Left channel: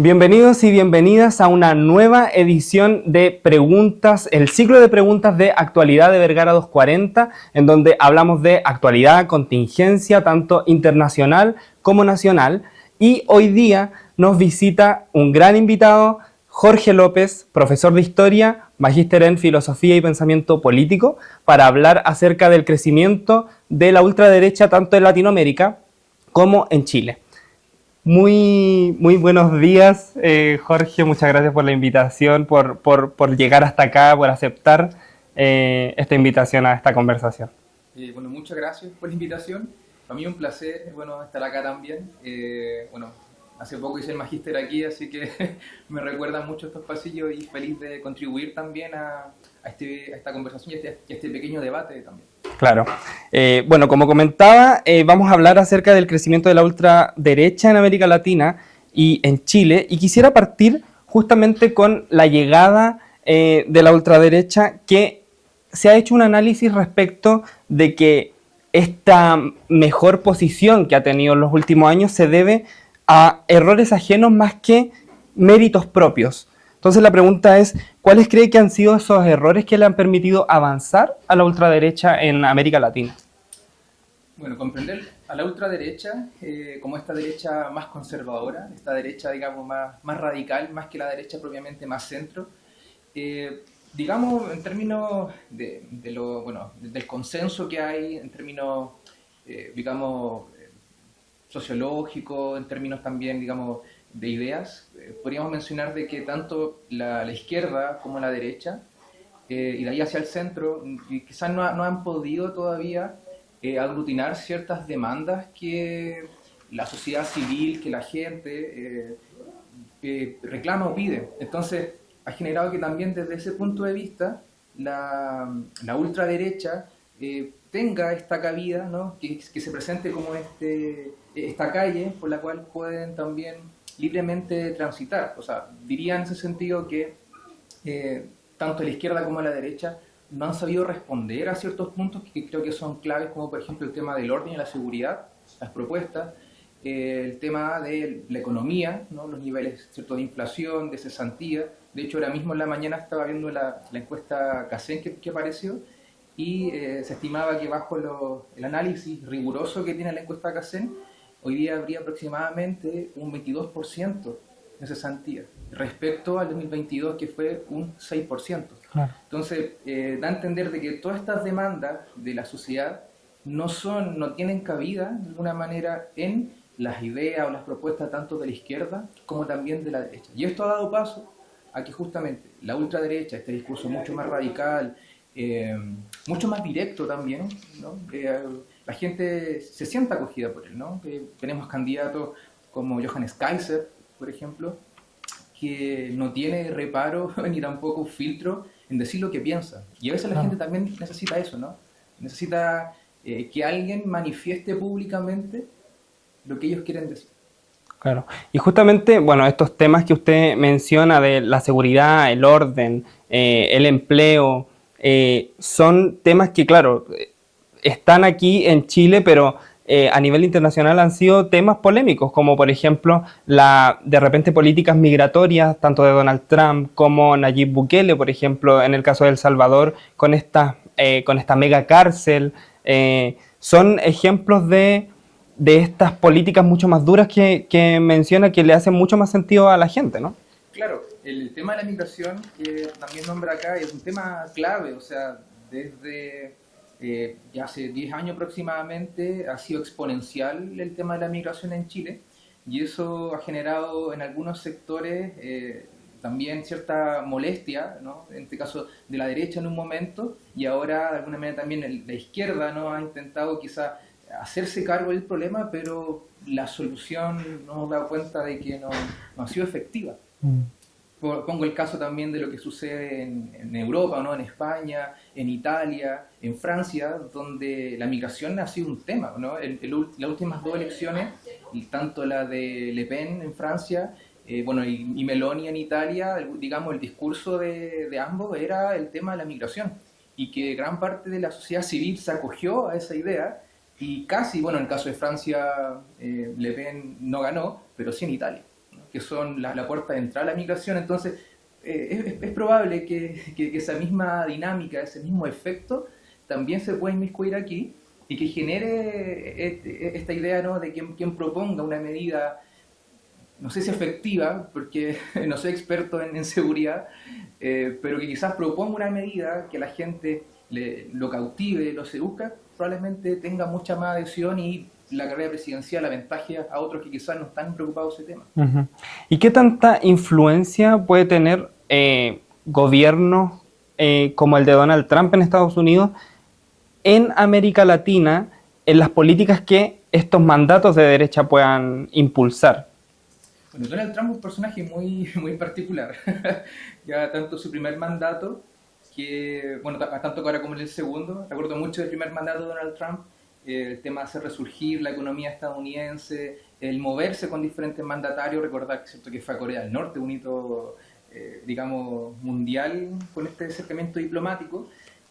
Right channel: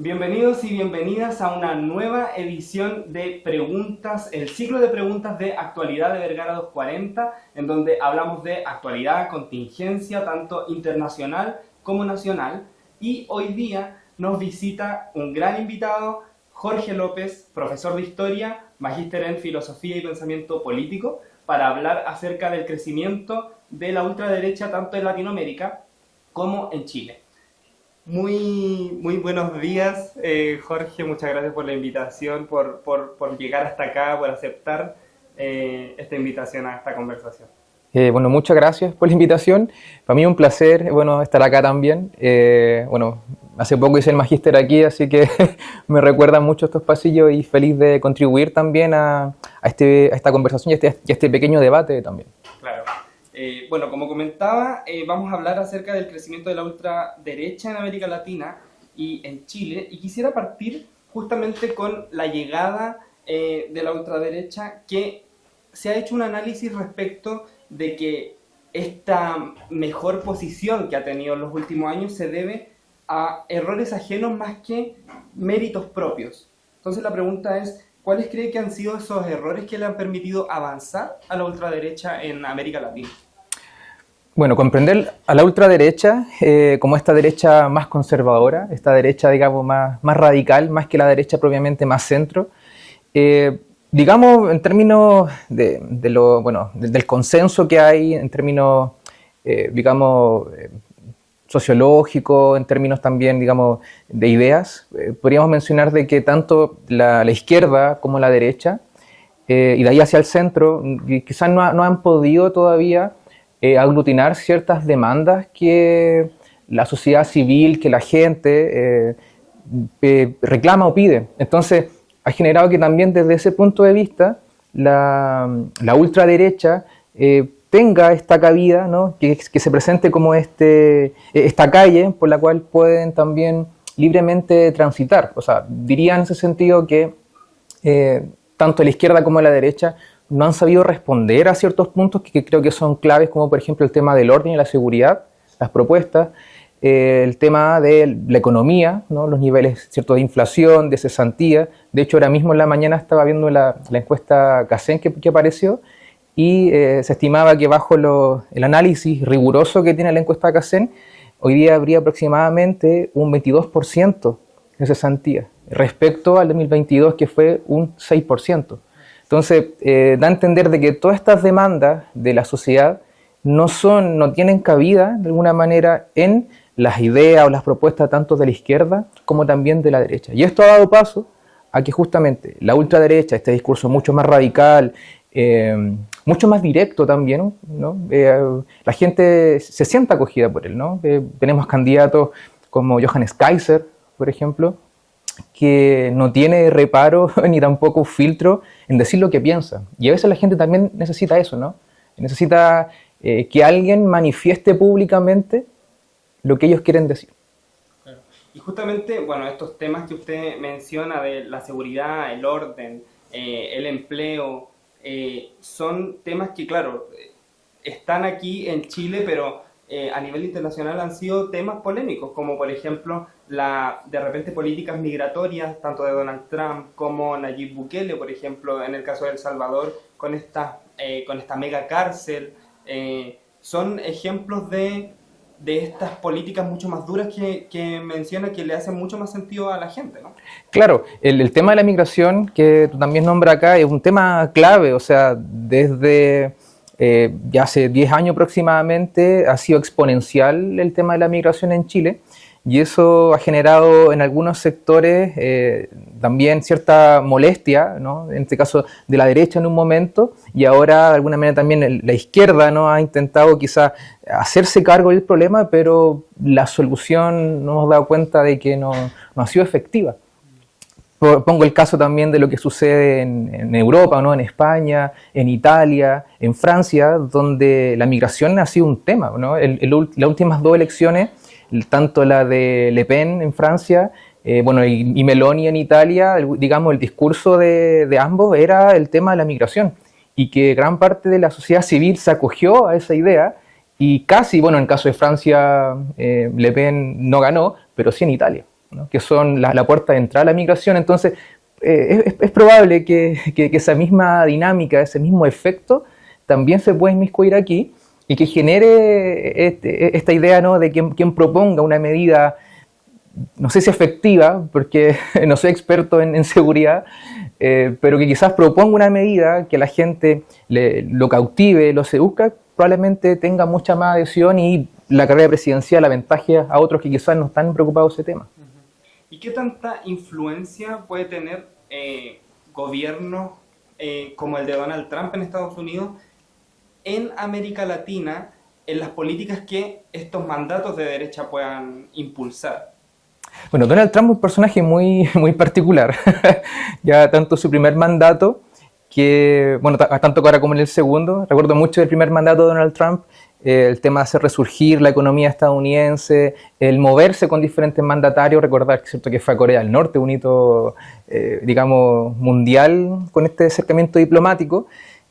Bienvenidos y bienvenidas a una nueva edición de preguntas, el ciclo de preguntas de actualidad de Vergara 240, en donde hablamos de actualidad, contingencia, tanto internacional como nacional. Y hoy día nos visita un gran invitado, Jorge López, profesor de Historia, magíster en Filosofía y Pensamiento Político, para hablar acerca del crecimiento de la ultraderecha tanto en Latinoamérica como en Chile. Muy buenos días, Jorge. Muchas gracias por la invitación, por llegar hasta acá, por aceptar esta invitación a esta conversación. Muchas gracias por la invitación. Para mí es un placer, estar acá también. Hace poco hice el magíster aquí, así que me recuerdan mucho estos pasillos y feliz de contribuir también a esta conversación y a este pequeño debate también. Claro. Como comentaba, vamos a hablar acerca del crecimiento de la ultraderecha en América Latina y en Chile, y quisiera partir justamente con la llegada de la ultraderecha, que se ha hecho un análisis respecto de que esta mejor posición que ha tenido en los últimos años se debe a errores ajenos más que méritos propios. Entonces la pregunta es, ¿cuáles cree que han sido esos errores que le han permitido avanzar a la ultraderecha en América Latina? Bueno, comprender a la ultraderecha como esta derecha más conservadora, esta derecha, digamos, más radical, más que la derecha propiamente más centro, digamos, en términos del consenso que hay, en términos, sociológico, en términos también, digamos, de ideas, podríamos mencionar de que tanto la izquierda como la derecha, y de ahí hacia el centro, quizás no han podido todavía aglutinar ciertas demandas que la sociedad civil, que la gente reclama o pide. Entonces, ha generado que también desde ese punto de vista la ultraderecha tenga esta cabida, ¿no? que se presente como esta calle por la cual pueden también libremente transitar. O sea, diría en ese sentido que tanto la izquierda como la derecha no han sabido responder a ciertos puntos que creo que son claves, como por ejemplo el tema del orden y la seguridad, las propuestas, el tema de la economía, ¿no? Los niveles ciertos de inflación, de cesantía. De hecho, ahora mismo en la mañana estaba viendo la encuesta CACEN que apareció, y se estimaba que bajo el análisis riguroso que tiene la encuesta CACEN, hoy día habría aproximadamente un 22% de cesantía, respecto al 2022 que fue un 6%. Claro. Entonces, da a entender de que todas estas demandas de la sociedad no tienen cabida de alguna manera en las ideas o las propuestas tanto de la izquierda como también de la derecha. Y esto ha dado paso a que justamente la ultraderecha, este discurso mucho más radical, mucho más directo también, ¿no? La gente se siente acogida por él, ¿no? Tenemos candidatos como Johannes Kaiser, por ejemplo, que no tiene reparo ni tampoco filtro en decir lo que piensa. Y a veces la gente también necesita eso, ¿no? Necesita que alguien manifieste públicamente lo que ellos quieren decir. Claro. Y justamente, estos temas que usted menciona de la seguridad, el orden, el empleo, son temas que, claro, están aquí en Chile, pero a nivel internacional han sido temas polémicos, como por ejemplo de repente políticas migratorias, tanto de Donald Trump como Nayib Bukele, por ejemplo, en el caso de El Salvador, con esta mega cárcel. Son ejemplos de estas políticas mucho más duras que menciona, que le hacen mucho más sentido a la gente, ¿no? Claro, el tema de la migración que también nombra acá es un tema clave, o sea, desde ya hace 10 años aproximadamente ha sido exponencial el tema de la migración en Chile, y eso ha generado en algunos sectores también cierta molestia, ¿no? En este caso de la derecha en un momento, y ahora de alguna manera también la izquierda, ¿no? Ha intentado quizás hacerse cargo del problema, pero la solución nos hemos dado cuenta de que no ha sido efectiva. Pongo el caso también de lo que sucede en Europa, ¿no? En España, en Italia, en Francia, donde la migración ha sido un tema, ¿no? Las últimas dos elecciones, tanto la de Le Pen en Francia, y Meloni en Italia, digamos, el discurso de ambos era el tema de la migración, y que gran parte de la sociedad civil se acogió a esa idea, y casi, en el caso de Francia, Le Pen no ganó, pero sí en Italia. ¿no? Que son la puerta de entrada a la migración. Entonces, es probable que esa misma dinámica, ese mismo efecto, también se pueda inmiscuir aquí y que genere esta idea, ¿no?, de quien proponga una medida, no sé si efectiva, porque no soy experto en seguridad, pero que quizás proponga una medida que la gente lo cautive, lo seduzca, probablemente tenga mucha más adhesión y la carrera presidencial aventaje a otros que quizás no están preocupados de ese tema. Uh-huh. ¿Y qué tanta influencia puede tener gobiernos como el de Donald Trump en Estados Unidos en América Latina en las políticas que estos mandatos de derecha puedan impulsar? Bueno, Donald Trump es un personaje muy, muy particular. Ya tanto su primer mandato, que, bueno, tanto ahora como en el segundo, recuerdo mucho del primer mandato de Donald Trump, el tema de hacer resurgir la economía estadounidense, el moverse con diferentes mandatarios, recordar ¿cierto?, que fue a Corea del Norte, un hito, digamos, mundial con este acercamiento diplomático,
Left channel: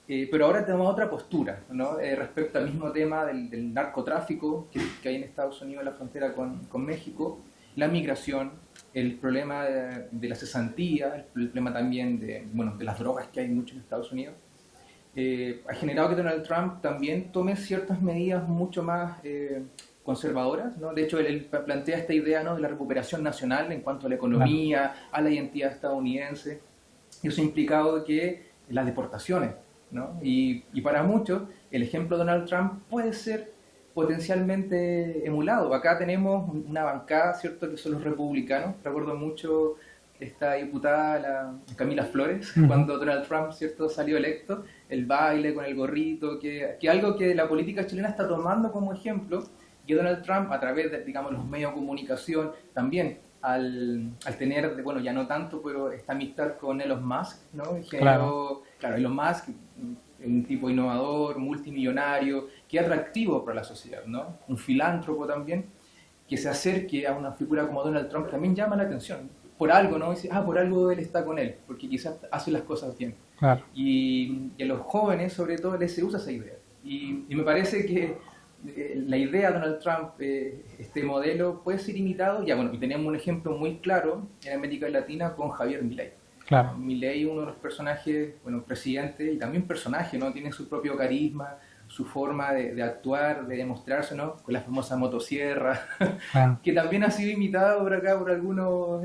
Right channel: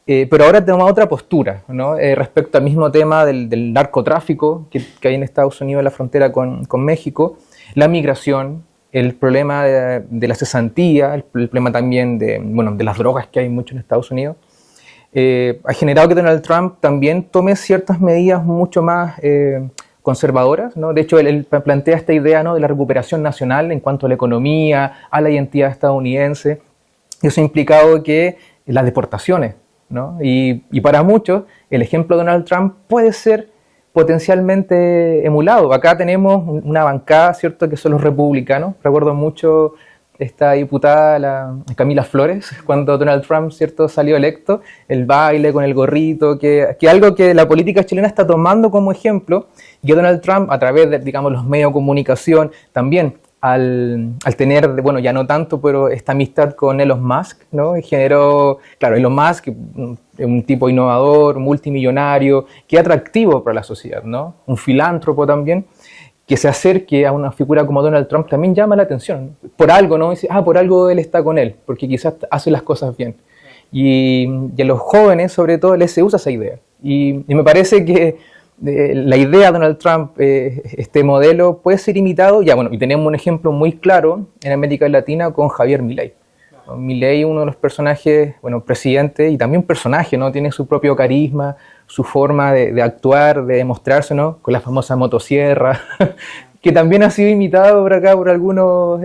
pero ahora tenemos otra postura, ¿no? Respecto al mismo tema del narcotráfico que hay en Estados Unidos en la frontera con México, la migración, el problema de la cesantía, el problema también de las drogas que hay mucho en Estados Unidos, ha generado que Donald Trump también tome ciertas medidas mucho más conservadoras, ¿no? De hecho, él plantea esta idea, ¿no?, de la recuperación nacional en cuanto a la economía, a la identidad estadounidense. Eso ha implicado que las deportaciones, ¿no? Y para muchos, el ejemplo de Donald Trump puede ser potencialmente emulado. Acá tenemos una bancada, ¿cierto?, que son los republicanos. Recuerdo mucho esta diputada, la Camila Flores, cuando Donald Trump, ¿cierto?, salió electo, el baile con el gorrito, que algo que la política chilena está tomando como ejemplo, y que Donald Trump, a través de, digamos, los medios de comunicación, también al tener, bueno, ya no tanto, pero esta amistad con Elon Musk, ¿no? Y generó, claro, Elon Musk, un tipo innovador, multimillonario, que es atractivo para la sociedad, ¿no? Un filántropo también, que se acerque a una figura como Donald Trump también llama la atención. Por algo, ¿no? Dice, por algo él está con él, porque quizás hace las cosas bien. Claro. Y a los jóvenes, sobre todo, les se usa esa idea. Y me parece que la idea de Donald Trump, este modelo, puede ser imitado. Ya, bueno, y tenemos un ejemplo muy claro en América Latina con Javier Milei. Claro. Milei, uno de los personajes, bueno, presidente y también personaje, ¿no? Tiene su propio carisma, su forma de actuar, de demostrarse, ¿no? Con la famosa motosierra, que también ha sido imitado por acá por algunos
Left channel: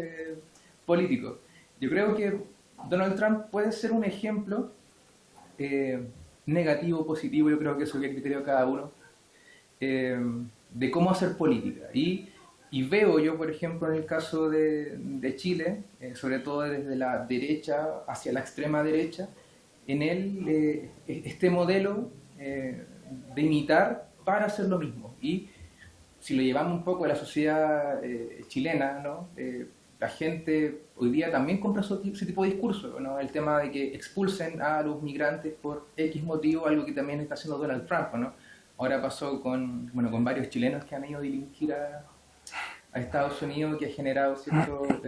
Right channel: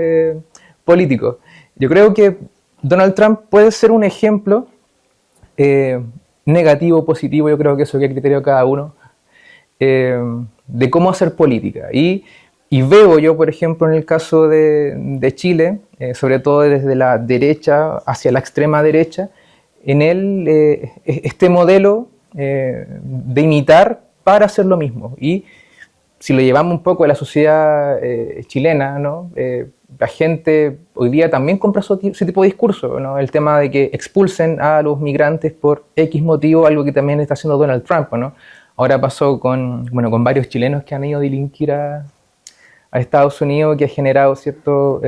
políticos. Yo creo que Donald Trump puede ser un ejemplo negativo o positivo, yo creo que eso es el criterio de cada uno, de cómo hacer política. Y veo yo, por ejemplo, en el caso de Chile, sobre todo desde la derecha hacia la extrema derecha, en él este modelo de imitar para hacer lo mismo. Y si lo llevamos un poco a la sociedad chilena, ¿no? La gente hoy día también compra ese tipo de discurso, ¿no? El tema de que expulsen a los migrantes por X motivo, algo que también está haciendo Donald Trump, ¿no? Ahora pasó con varios chilenos que han ido a delinquir a Estados Unidos, que ha generado cierto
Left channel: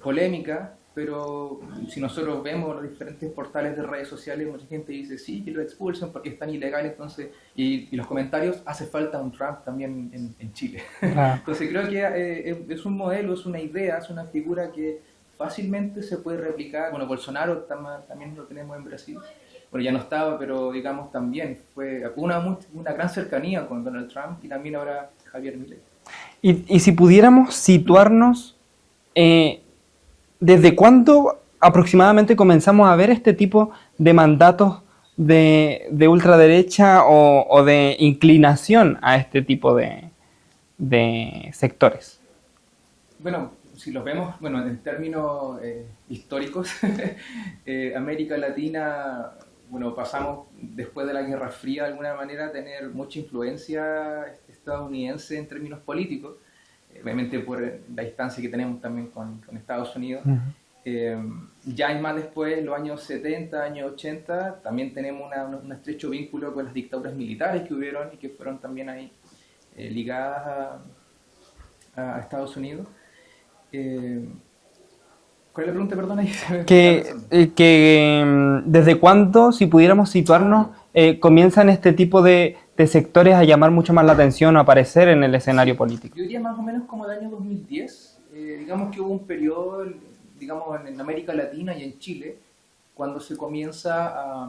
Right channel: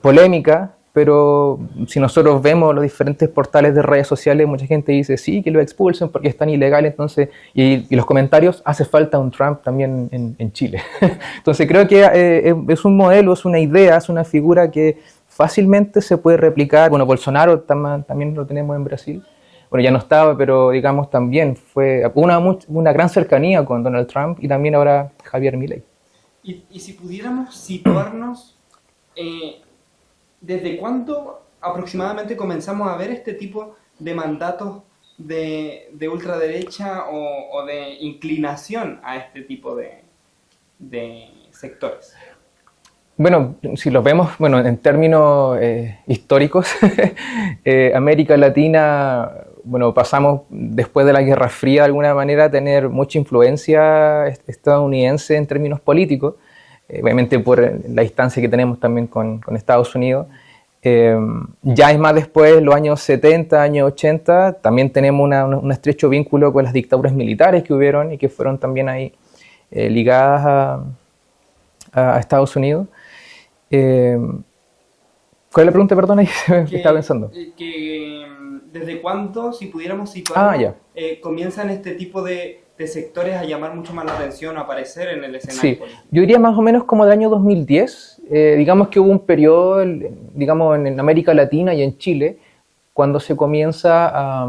polémica. Pero si nosotros vemos los diferentes portales de redes sociales, mucha gente dice sí, que lo expulsen porque es tan ilegal, entonces, y los comentarios, hace falta un Trump también en Chile. Entonces creo que es un modelo, es una idea, es una figura que fácilmente se puede replicar. Bueno, Bolsonaro también lo tenemos en Brasil. Bueno, ya no estaba, pero digamos también fue una gran cercanía con Donald Trump y también ahora Javier Milei. Y si pudiéramos situarnos... ¿Desde cuándo aproximadamente comenzamos a ver este tipo de mandatos de ultraderecha o de inclinación a este tipo de sectores? Bueno, si lo vemos en términos históricos, América Latina, pasamos después de la Guerra Fría de alguna manera a tener mucha influencia estadounidense en términos políticos. Obviamente por la distancia que tenemos también con Estados Unidos. Ya es más después, los años 70, años 80, también tenemos un estrecho vínculo con las dictaduras militares que hubieron y que fueron también ahí ligadas a Estados Unidos. ¿Cuál es la pregunta, perdón? ¿Qué estaba pensando? ¿Desde cuándo, si pudiéramos situarnos, comienzan este tipo de de sectores a llamar mucho más la atención o a aparecer en el escenario Sí, político? yo diría más o menos como del año 2010. Digamos que hubo un periodo, digamos, en América Latina y en Chile, cuando se comienza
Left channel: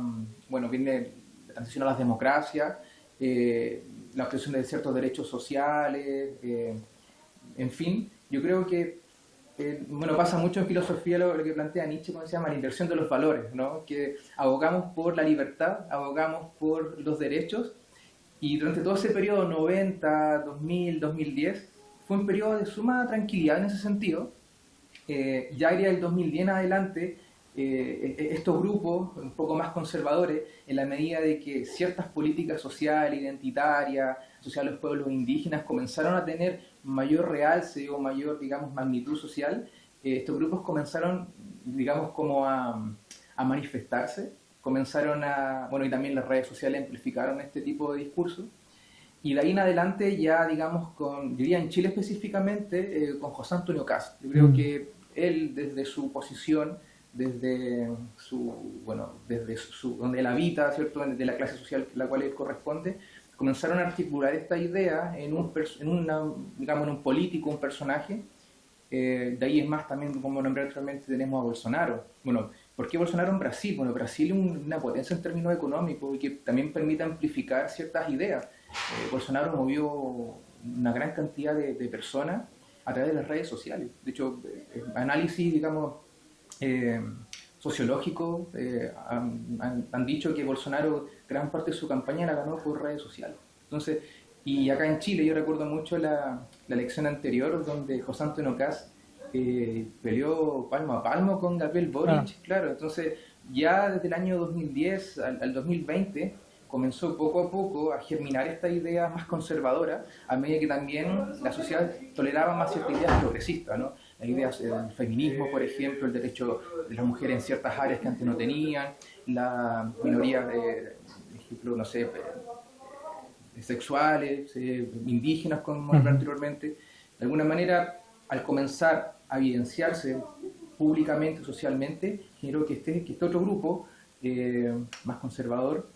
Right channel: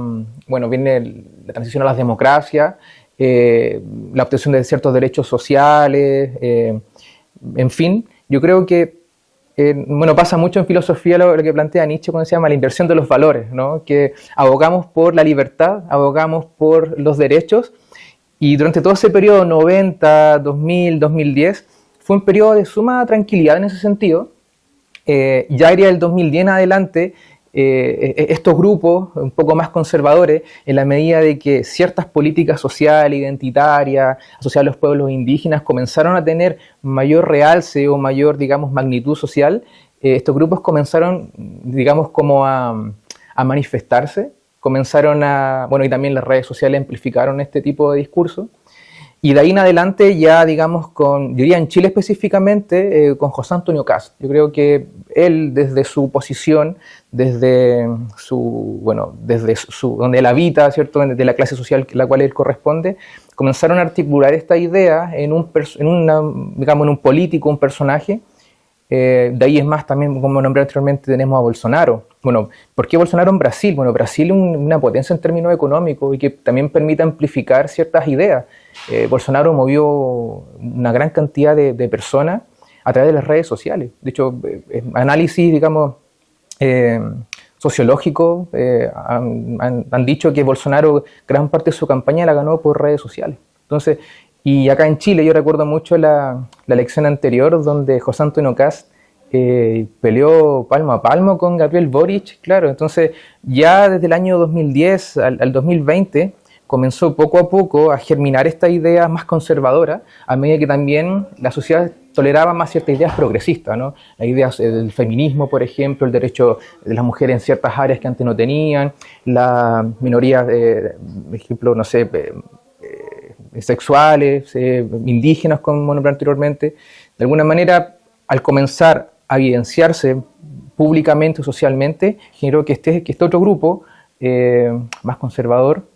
bueno, viene la transición a las democracias, la obtención de ciertos derechos sociales, en fin, yo creo que, bueno, pasa mucho en filosofía lo que plantea Nietzsche cuando se llama la inversión de los valores, ¿no? Que abogamos por la libertad, abogamos por los derechos, y durante todo ese periodo, 90, 2000, 2010, fue un periodo de suma tranquilidad en ese sentido. Ya iría del 2010 en adelante, estos grupos un poco más conservadores, en la medida de que ciertas políticas sociales, identitarias, asociadas a los pueblos indígenas, comenzaron a tener mayor realce o mayor, digamos, magnitud social, estos grupos comenzaron, digamos, como a manifestarse, comenzaron a, bueno, y también las redes sociales amplificaron este tipo de discurso. Y de ahí en adelante ya, digamos, yo diría en Chile específicamente, con José Antonio Kast. Yo creo que él, desde su posición, desde donde él habita, ¿cierto?, de la clase social a la cual él corresponde, comenzaron a articular esta idea en un político, un personaje. De ahí es más, también, como nombré anteriormente, tenemos a Bolsonaro. Bueno, ¿por qué Bolsonaro en Brasil? Bueno, Brasil es una potencia en términos económicos y que también permite amplificar ciertas ideas. Bolsonaro movió una gran cantidad de personas a través de las redes sociales. De hecho, análisis, digamos, sociológicos han dicho que Bolsonaro gran parte de su campaña la ganó por redes sociales. Entonces, y acá en Chile yo recuerdo mucho la elección anterior donde José Antonio Kast peleó palmo a palmo con Gabriel Boric, claro. Entonces ya desde el año 2010 al 2020 comenzó poco a poco a germinar esta idea más conservadora, a medida que también la sociedad toleraba más ciertas ideas progresistas, ¿no? Las ideas del feminismo, por ejemplo, el derecho de las mujeres en ciertas áreas que antes no tenían, las minorías, por ejemplo, no sé, sexuales, indígenas, como nombré anteriormente. De alguna manera, al comenzar a evidenciarse públicamente o socialmente, generó que este otro grupo más conservador,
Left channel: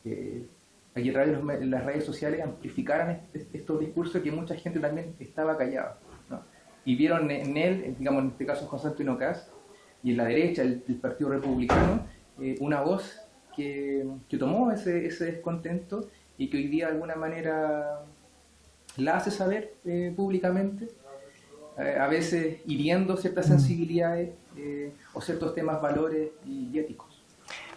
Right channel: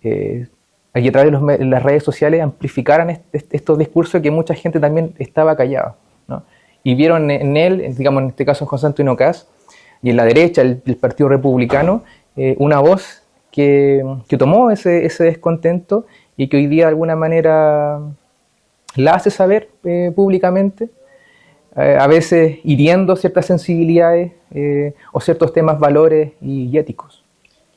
y a través de las redes sociales amplificaran estos discursos que mucha gente también estaba callada, ¿no? Y vieron en él, digamos en este caso José Antonio Kast, y en la derecha, el Partido Republicano, una voz que tomó ese descontento y que hoy día de alguna manera la hace saber públicamente, a veces hiriendo ciertas sensibilidades o ciertos temas, valores y éticos.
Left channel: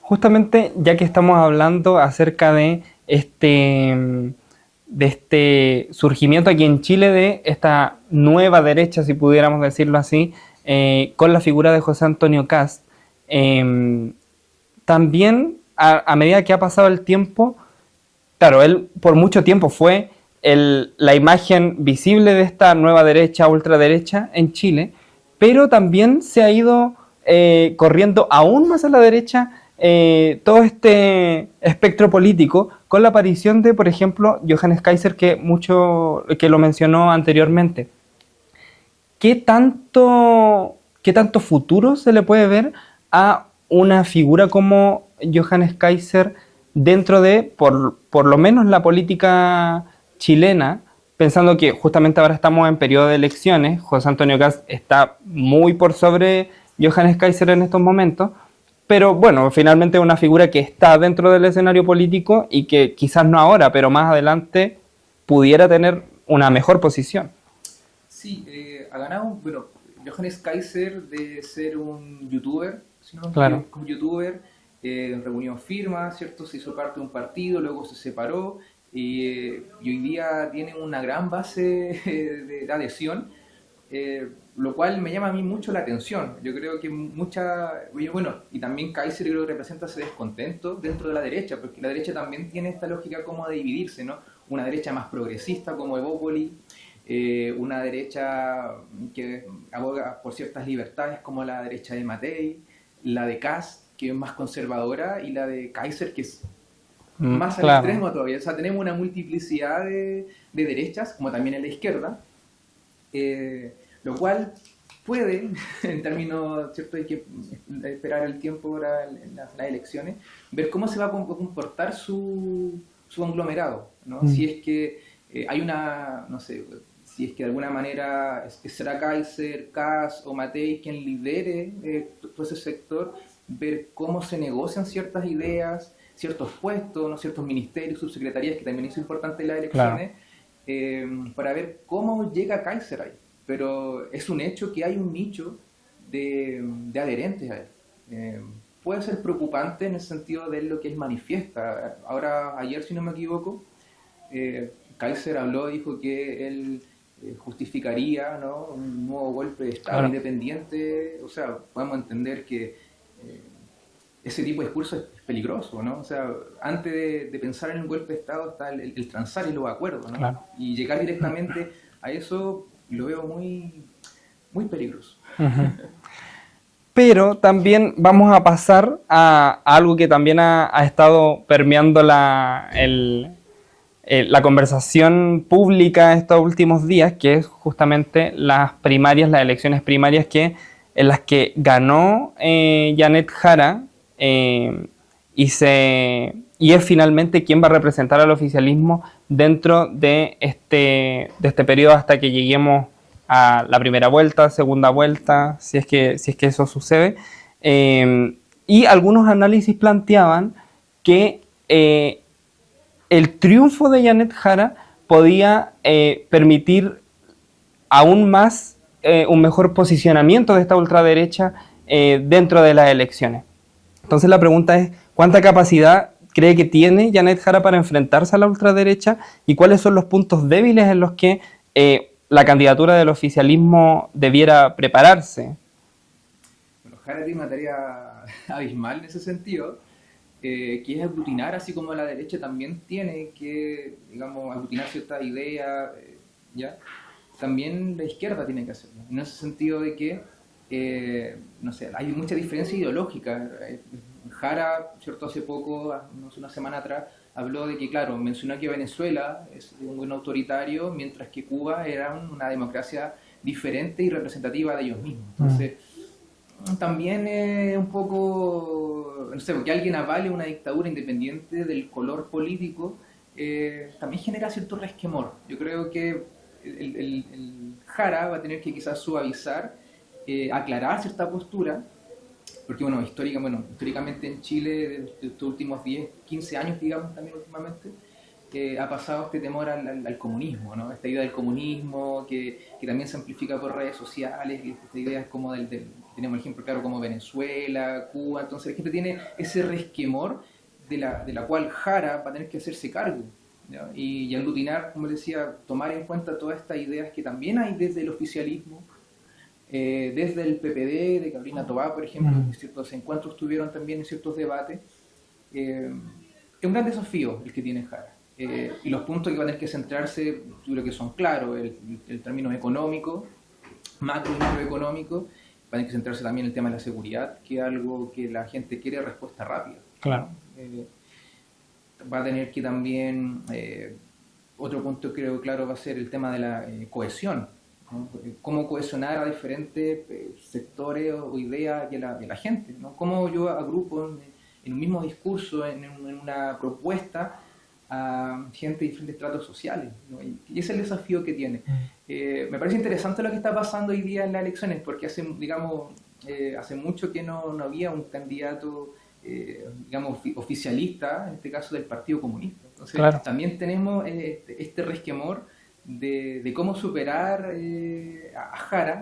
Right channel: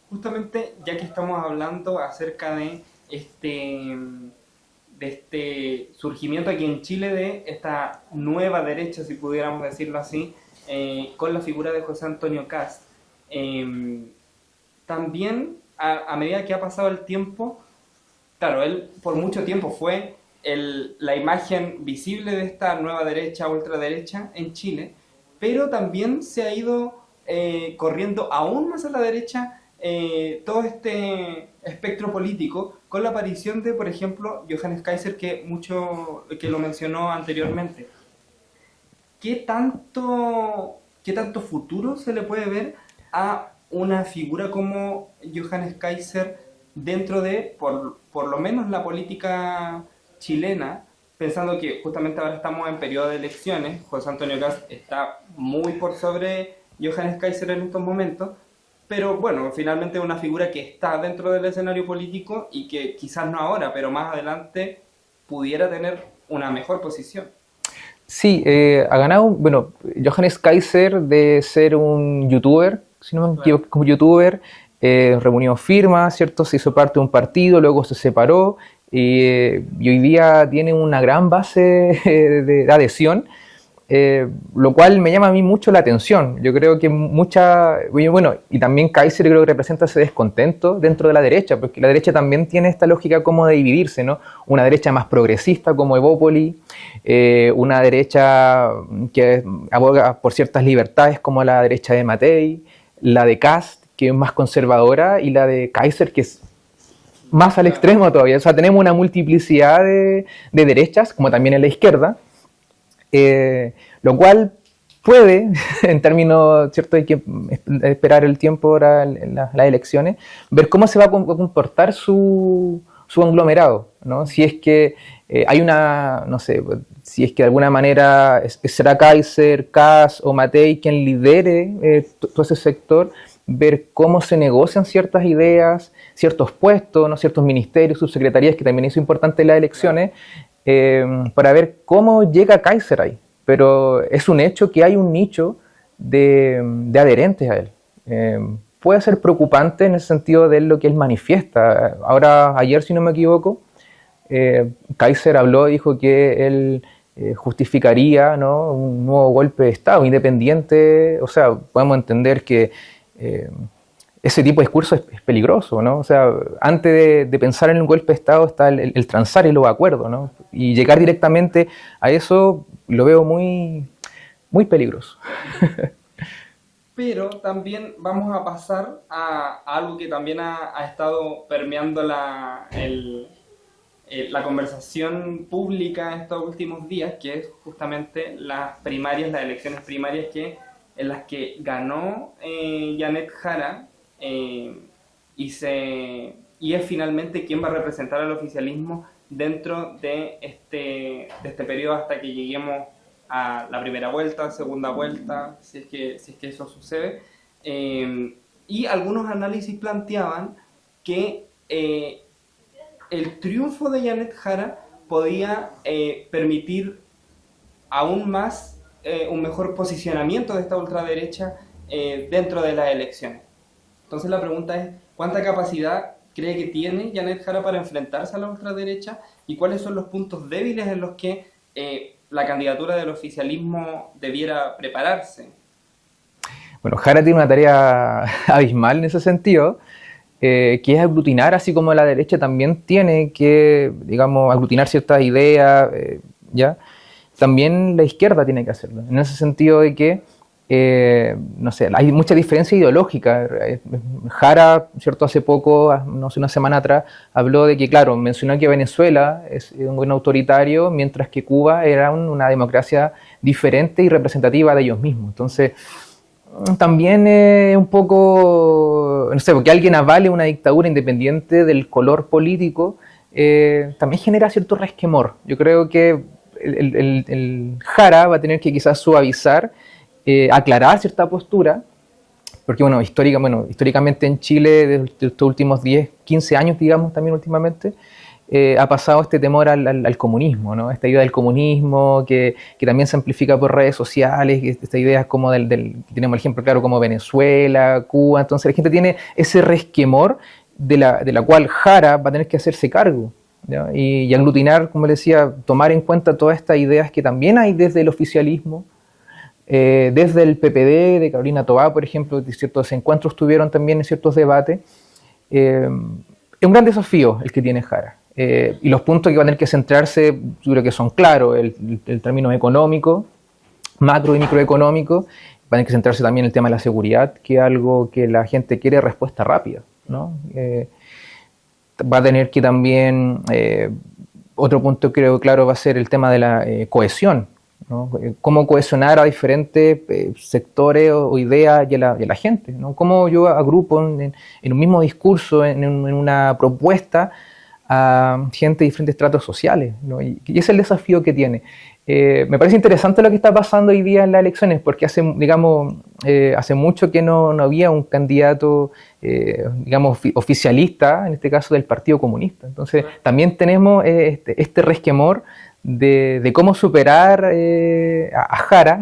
Justamente, ya que estamos hablando acerca de este surgimiento aquí en Chile de esta nueva derecha, si pudiéramos decirlo así, con la figura de José Antonio Kast, también a medida que ha pasado el tiempo, claro, él por mucho tiempo fue la imagen visible de esta nueva derecha, ultraderecha en Chile, pero también se ha ido corriendo aún más a la derecha todo este espectro político con la aparición de, por ejemplo, Johannes Kaiser, que lo mencionó anteriormente. ¿Qué tanto futuro se le puede ver a una figura como Johannes Kaiser dentro de, por lo menos, la política chilena, pensando que justamente ahora estamos en periodo de elecciones? José Antonio Kast está muy por sobre Johannes Kaiser en estos momentos, pero bueno, finalmente es una figura que está dentro del escenario político y que quizás no ahora, pero más adelante pudiera tener una mejor posición. Sí, ha ganado, bueno, Johannes Kaiser de ser un youtuber, si no me equivoco, como youtuber, reunió firmas, ¿cierto? Se hizo parte de un partido, luego se separó y hoy día tiene una gran base de adhesión, lo cual me llama a mí mucho la atención. Yo creo que bueno, y también Kaiser creo que representa ese descontento dentro de la derecha, porque la derecha también tiene esta lógica como de dividirse, ¿no? Una derecha más progresista como Evópoli, una derecha que aboga por ciertas libertades como la derecha de Matei, la de Kast, que es más conservadora, y la de Kaiser, que es más al extremo todavía. O sea, tenemos una multiplicidad de derechas, como también en la izquierda, lo cual puede, en términos, ¿cierto? Hay que esperar el tiempo para las elecciones, ver cómo se va a comportar su conglomerado, ¿no? Si es que hay una, no sé, si es que de alguna manera será Kaiser, Kass o Matei quien lidere todo ese sector, ver cómo se negocian ciertas ideas, ciertos puestos, ¿no? Ciertos ministerios, subsecretarías, que también es importante en las elecciones, para ver cómo llega Kaiser ahí. Pero es un hecho que hay un nicho de adherentes a él. Puede ser preocupante en el sentido de lo que él manifiesta. Ahora, ayer, si no me equivoco, Kaiser habló y dijo que él justificaría, ¿no?, un nuevo golpe de Estado independiente. O sea, podemos entender que ese tipo de discurso es peligroso, ¿no? O sea, antes de pensar en un golpe de Estado está el transar y los acuerdos, ¿no? Claro. Y llegar directamente a eso lo veo muy, muy peligroso. Uh-huh. Pero también vamos a pasar a algo que también ha estado permeando la conversación pública estos últimos días, que es justamente las primarias, las elecciones primarias en las que ganó Janet Jara y es finalmente quien va a representar al oficialismo dentro de este periodo hasta que lleguemos a la primera vuelta, segunda vuelta, si es que eso sucede. Y algunos análisis planteaban que el triunfo de Janet Jara podía permitir aún más un mejor posicionamiento de esta ultraderecha dentro de las elecciones. Entonces la pregunta es, ¿cuánta capacidad cree que tiene Janet Jara para enfrentarse a la ultraderecha y cuáles son los puntos débiles en los que la candidatura del oficialismo debiera prepararse? Bueno, Jara tiene una tarea abismal en ese sentido, que es aglutinar, así como la derecha también tiene que, digamos, aglutinar ciertas ideas, ¿ya? También la izquierda tiene que hacerlo, en ese sentido de que, no sé, hay mucha diferencia ideológica. Jara, ¿cierto?, hace poco, no sé, una semana atrás, habló de que, claro, mencionó que Venezuela es un gobierno autoritario, mientras que Cuba era una democracia diferente y representativa de ellos mismos. Entonces, también un poco, no sé, porque alguien avale una dictadura independiente del color político, también genera cierto resquemor. Yo creo que el Jara va a tener que quizás suavizar, aclarar cierta postura, porque bueno, históricamente en Chile, desde estos últimos 10, 15 años, digamos, también últimamente, ha pasado este temor al comunismo, ¿no? Esta idea del comunismo que también se amplifica por redes sociales, esta idea como tenemos el ejemplo claro como Venezuela, Cuba. Entonces la gente tiene ese resquemor de la cual Jara va a tener que hacerse cargo, ¿no? Y aglutinar, como le decía, tomar en cuenta todas estas ideas que también hay desde el oficialismo, desde el PPD de Carolina Toá, por ejemplo, ciertos encuentros tuvieron también en ciertos debates. Es un gran desafío el que tiene Jara. Y los puntos que van a tener que centrarse, yo creo que son claros, el término económico, macro y microeconómico. Van a tener que centrarse también en el tema de la seguridad, que es algo que la gente quiere respuesta rápida, ¿no? Va a tener que también, otro punto creo claro va a ser el tema de la cohesión, ¿no? Cómo cohesionar a diferentes sectores o ideas y a la gente, ¿no? Cómo yo agrupo en un mismo discurso, en una propuesta, a gente de diferentes estratos sociales, ¿no? Y es el desafío que tiene. Me parece interesante lo que está pasando hoy día en las elecciones, porque hace mucho que no había un candidato, digamos, oficialista, en este caso del Partido Comunista. Entonces, claro, también tenemos este resquemor de cómo superar a Jara,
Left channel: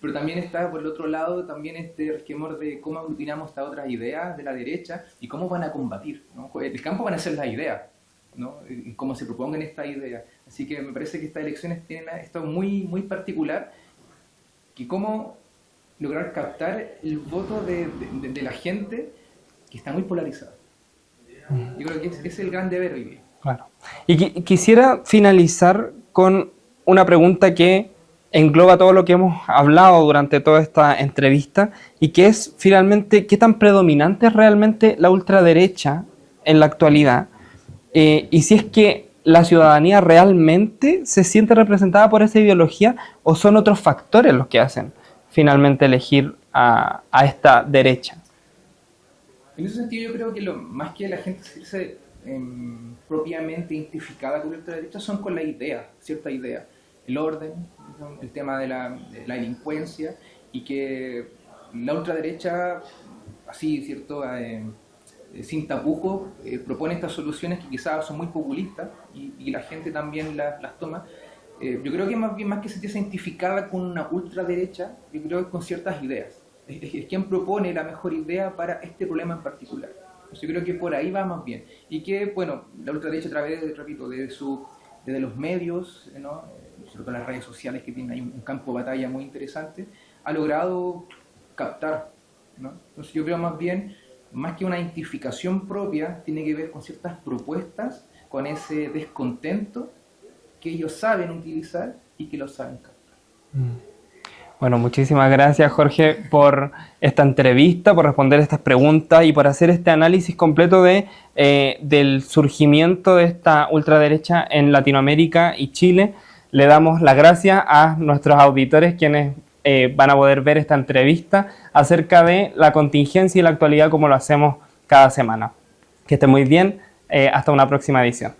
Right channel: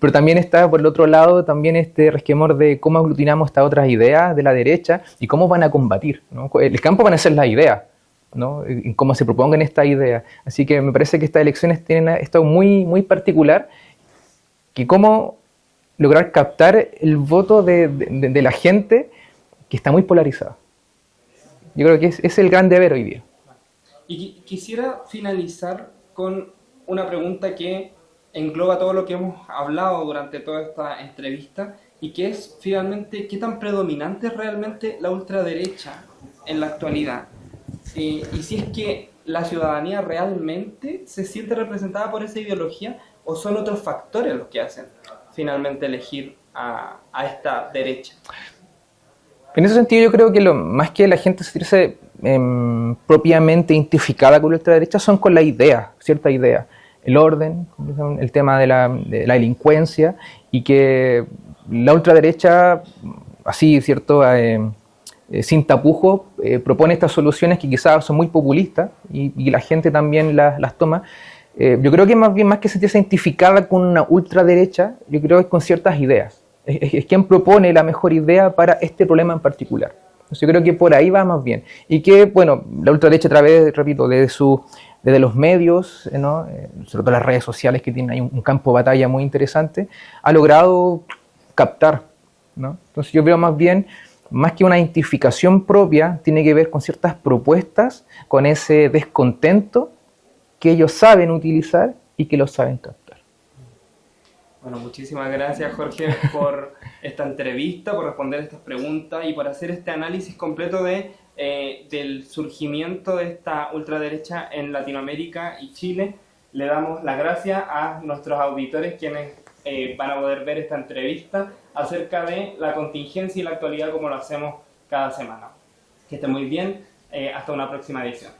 pero también está por el otro lado también este resquemor de cómo aglutinamos estas otras ideas de la derecha y cómo van a combatir, ¿no? El campo van a ser las ideas, ¿no? Y cómo se propongan estas ideas. Así que me parece que estas elecciones tienen esto muy, muy particular, que cómo lograr captar el voto de la gente que está muy polarizada. Yo creo que es el gran deber hoy día. Claro. Y quisiera finalizar con una pregunta que engloba todo lo que hemos hablado durante toda esta entrevista y que es finalmente qué tan predominante es realmente la ultraderecha en la actualidad, y si es que la ciudadanía realmente se siente representada por esa ideología o son otros factores los que hacen finalmente elegir a esta derecha. En ese sentido yo creo que más que la gente sentirse propiamente identificada con la ultraderecha son con la idea, cierta idea. El orden, el tema de la delincuencia, y que la ultraderecha, así, ¿cierto?, sin tapujo, propone estas soluciones que quizás son muy populistas y la gente también las toma. Yo creo que más que sentirse identificada con una ultraderecha, yo creo que es con ciertas ideas. Es quien propone la mejor idea para este problema en particular. Entonces yo creo que por ahí va más bien. Y que, bueno, la ultraderecha a través, repito, desde los medios, ¿no? Sobre todo las redes sociales, que tienen ahí un campo de batalla muy interesante, ha logrado captar, ¿no? Entonces yo veo más bien, más que una identificación propia, tiene que ver con ciertas propuestas, con ese descontento que ellos saben utilizar y que lo saben captar. Bueno, muchísimas gracias, Jorge, por esta entrevista, por responder estas preguntas y por hacer este análisis completo del surgimiento de esta ultraderecha en Latinoamérica y Chile. Le damos las gracias a nuestros auditores, quienes van a poder ver esta entrevista acerca de la contingencia y la actualidad como lo hacemos cada semana. Que estén muy bien, hasta una próxima edición.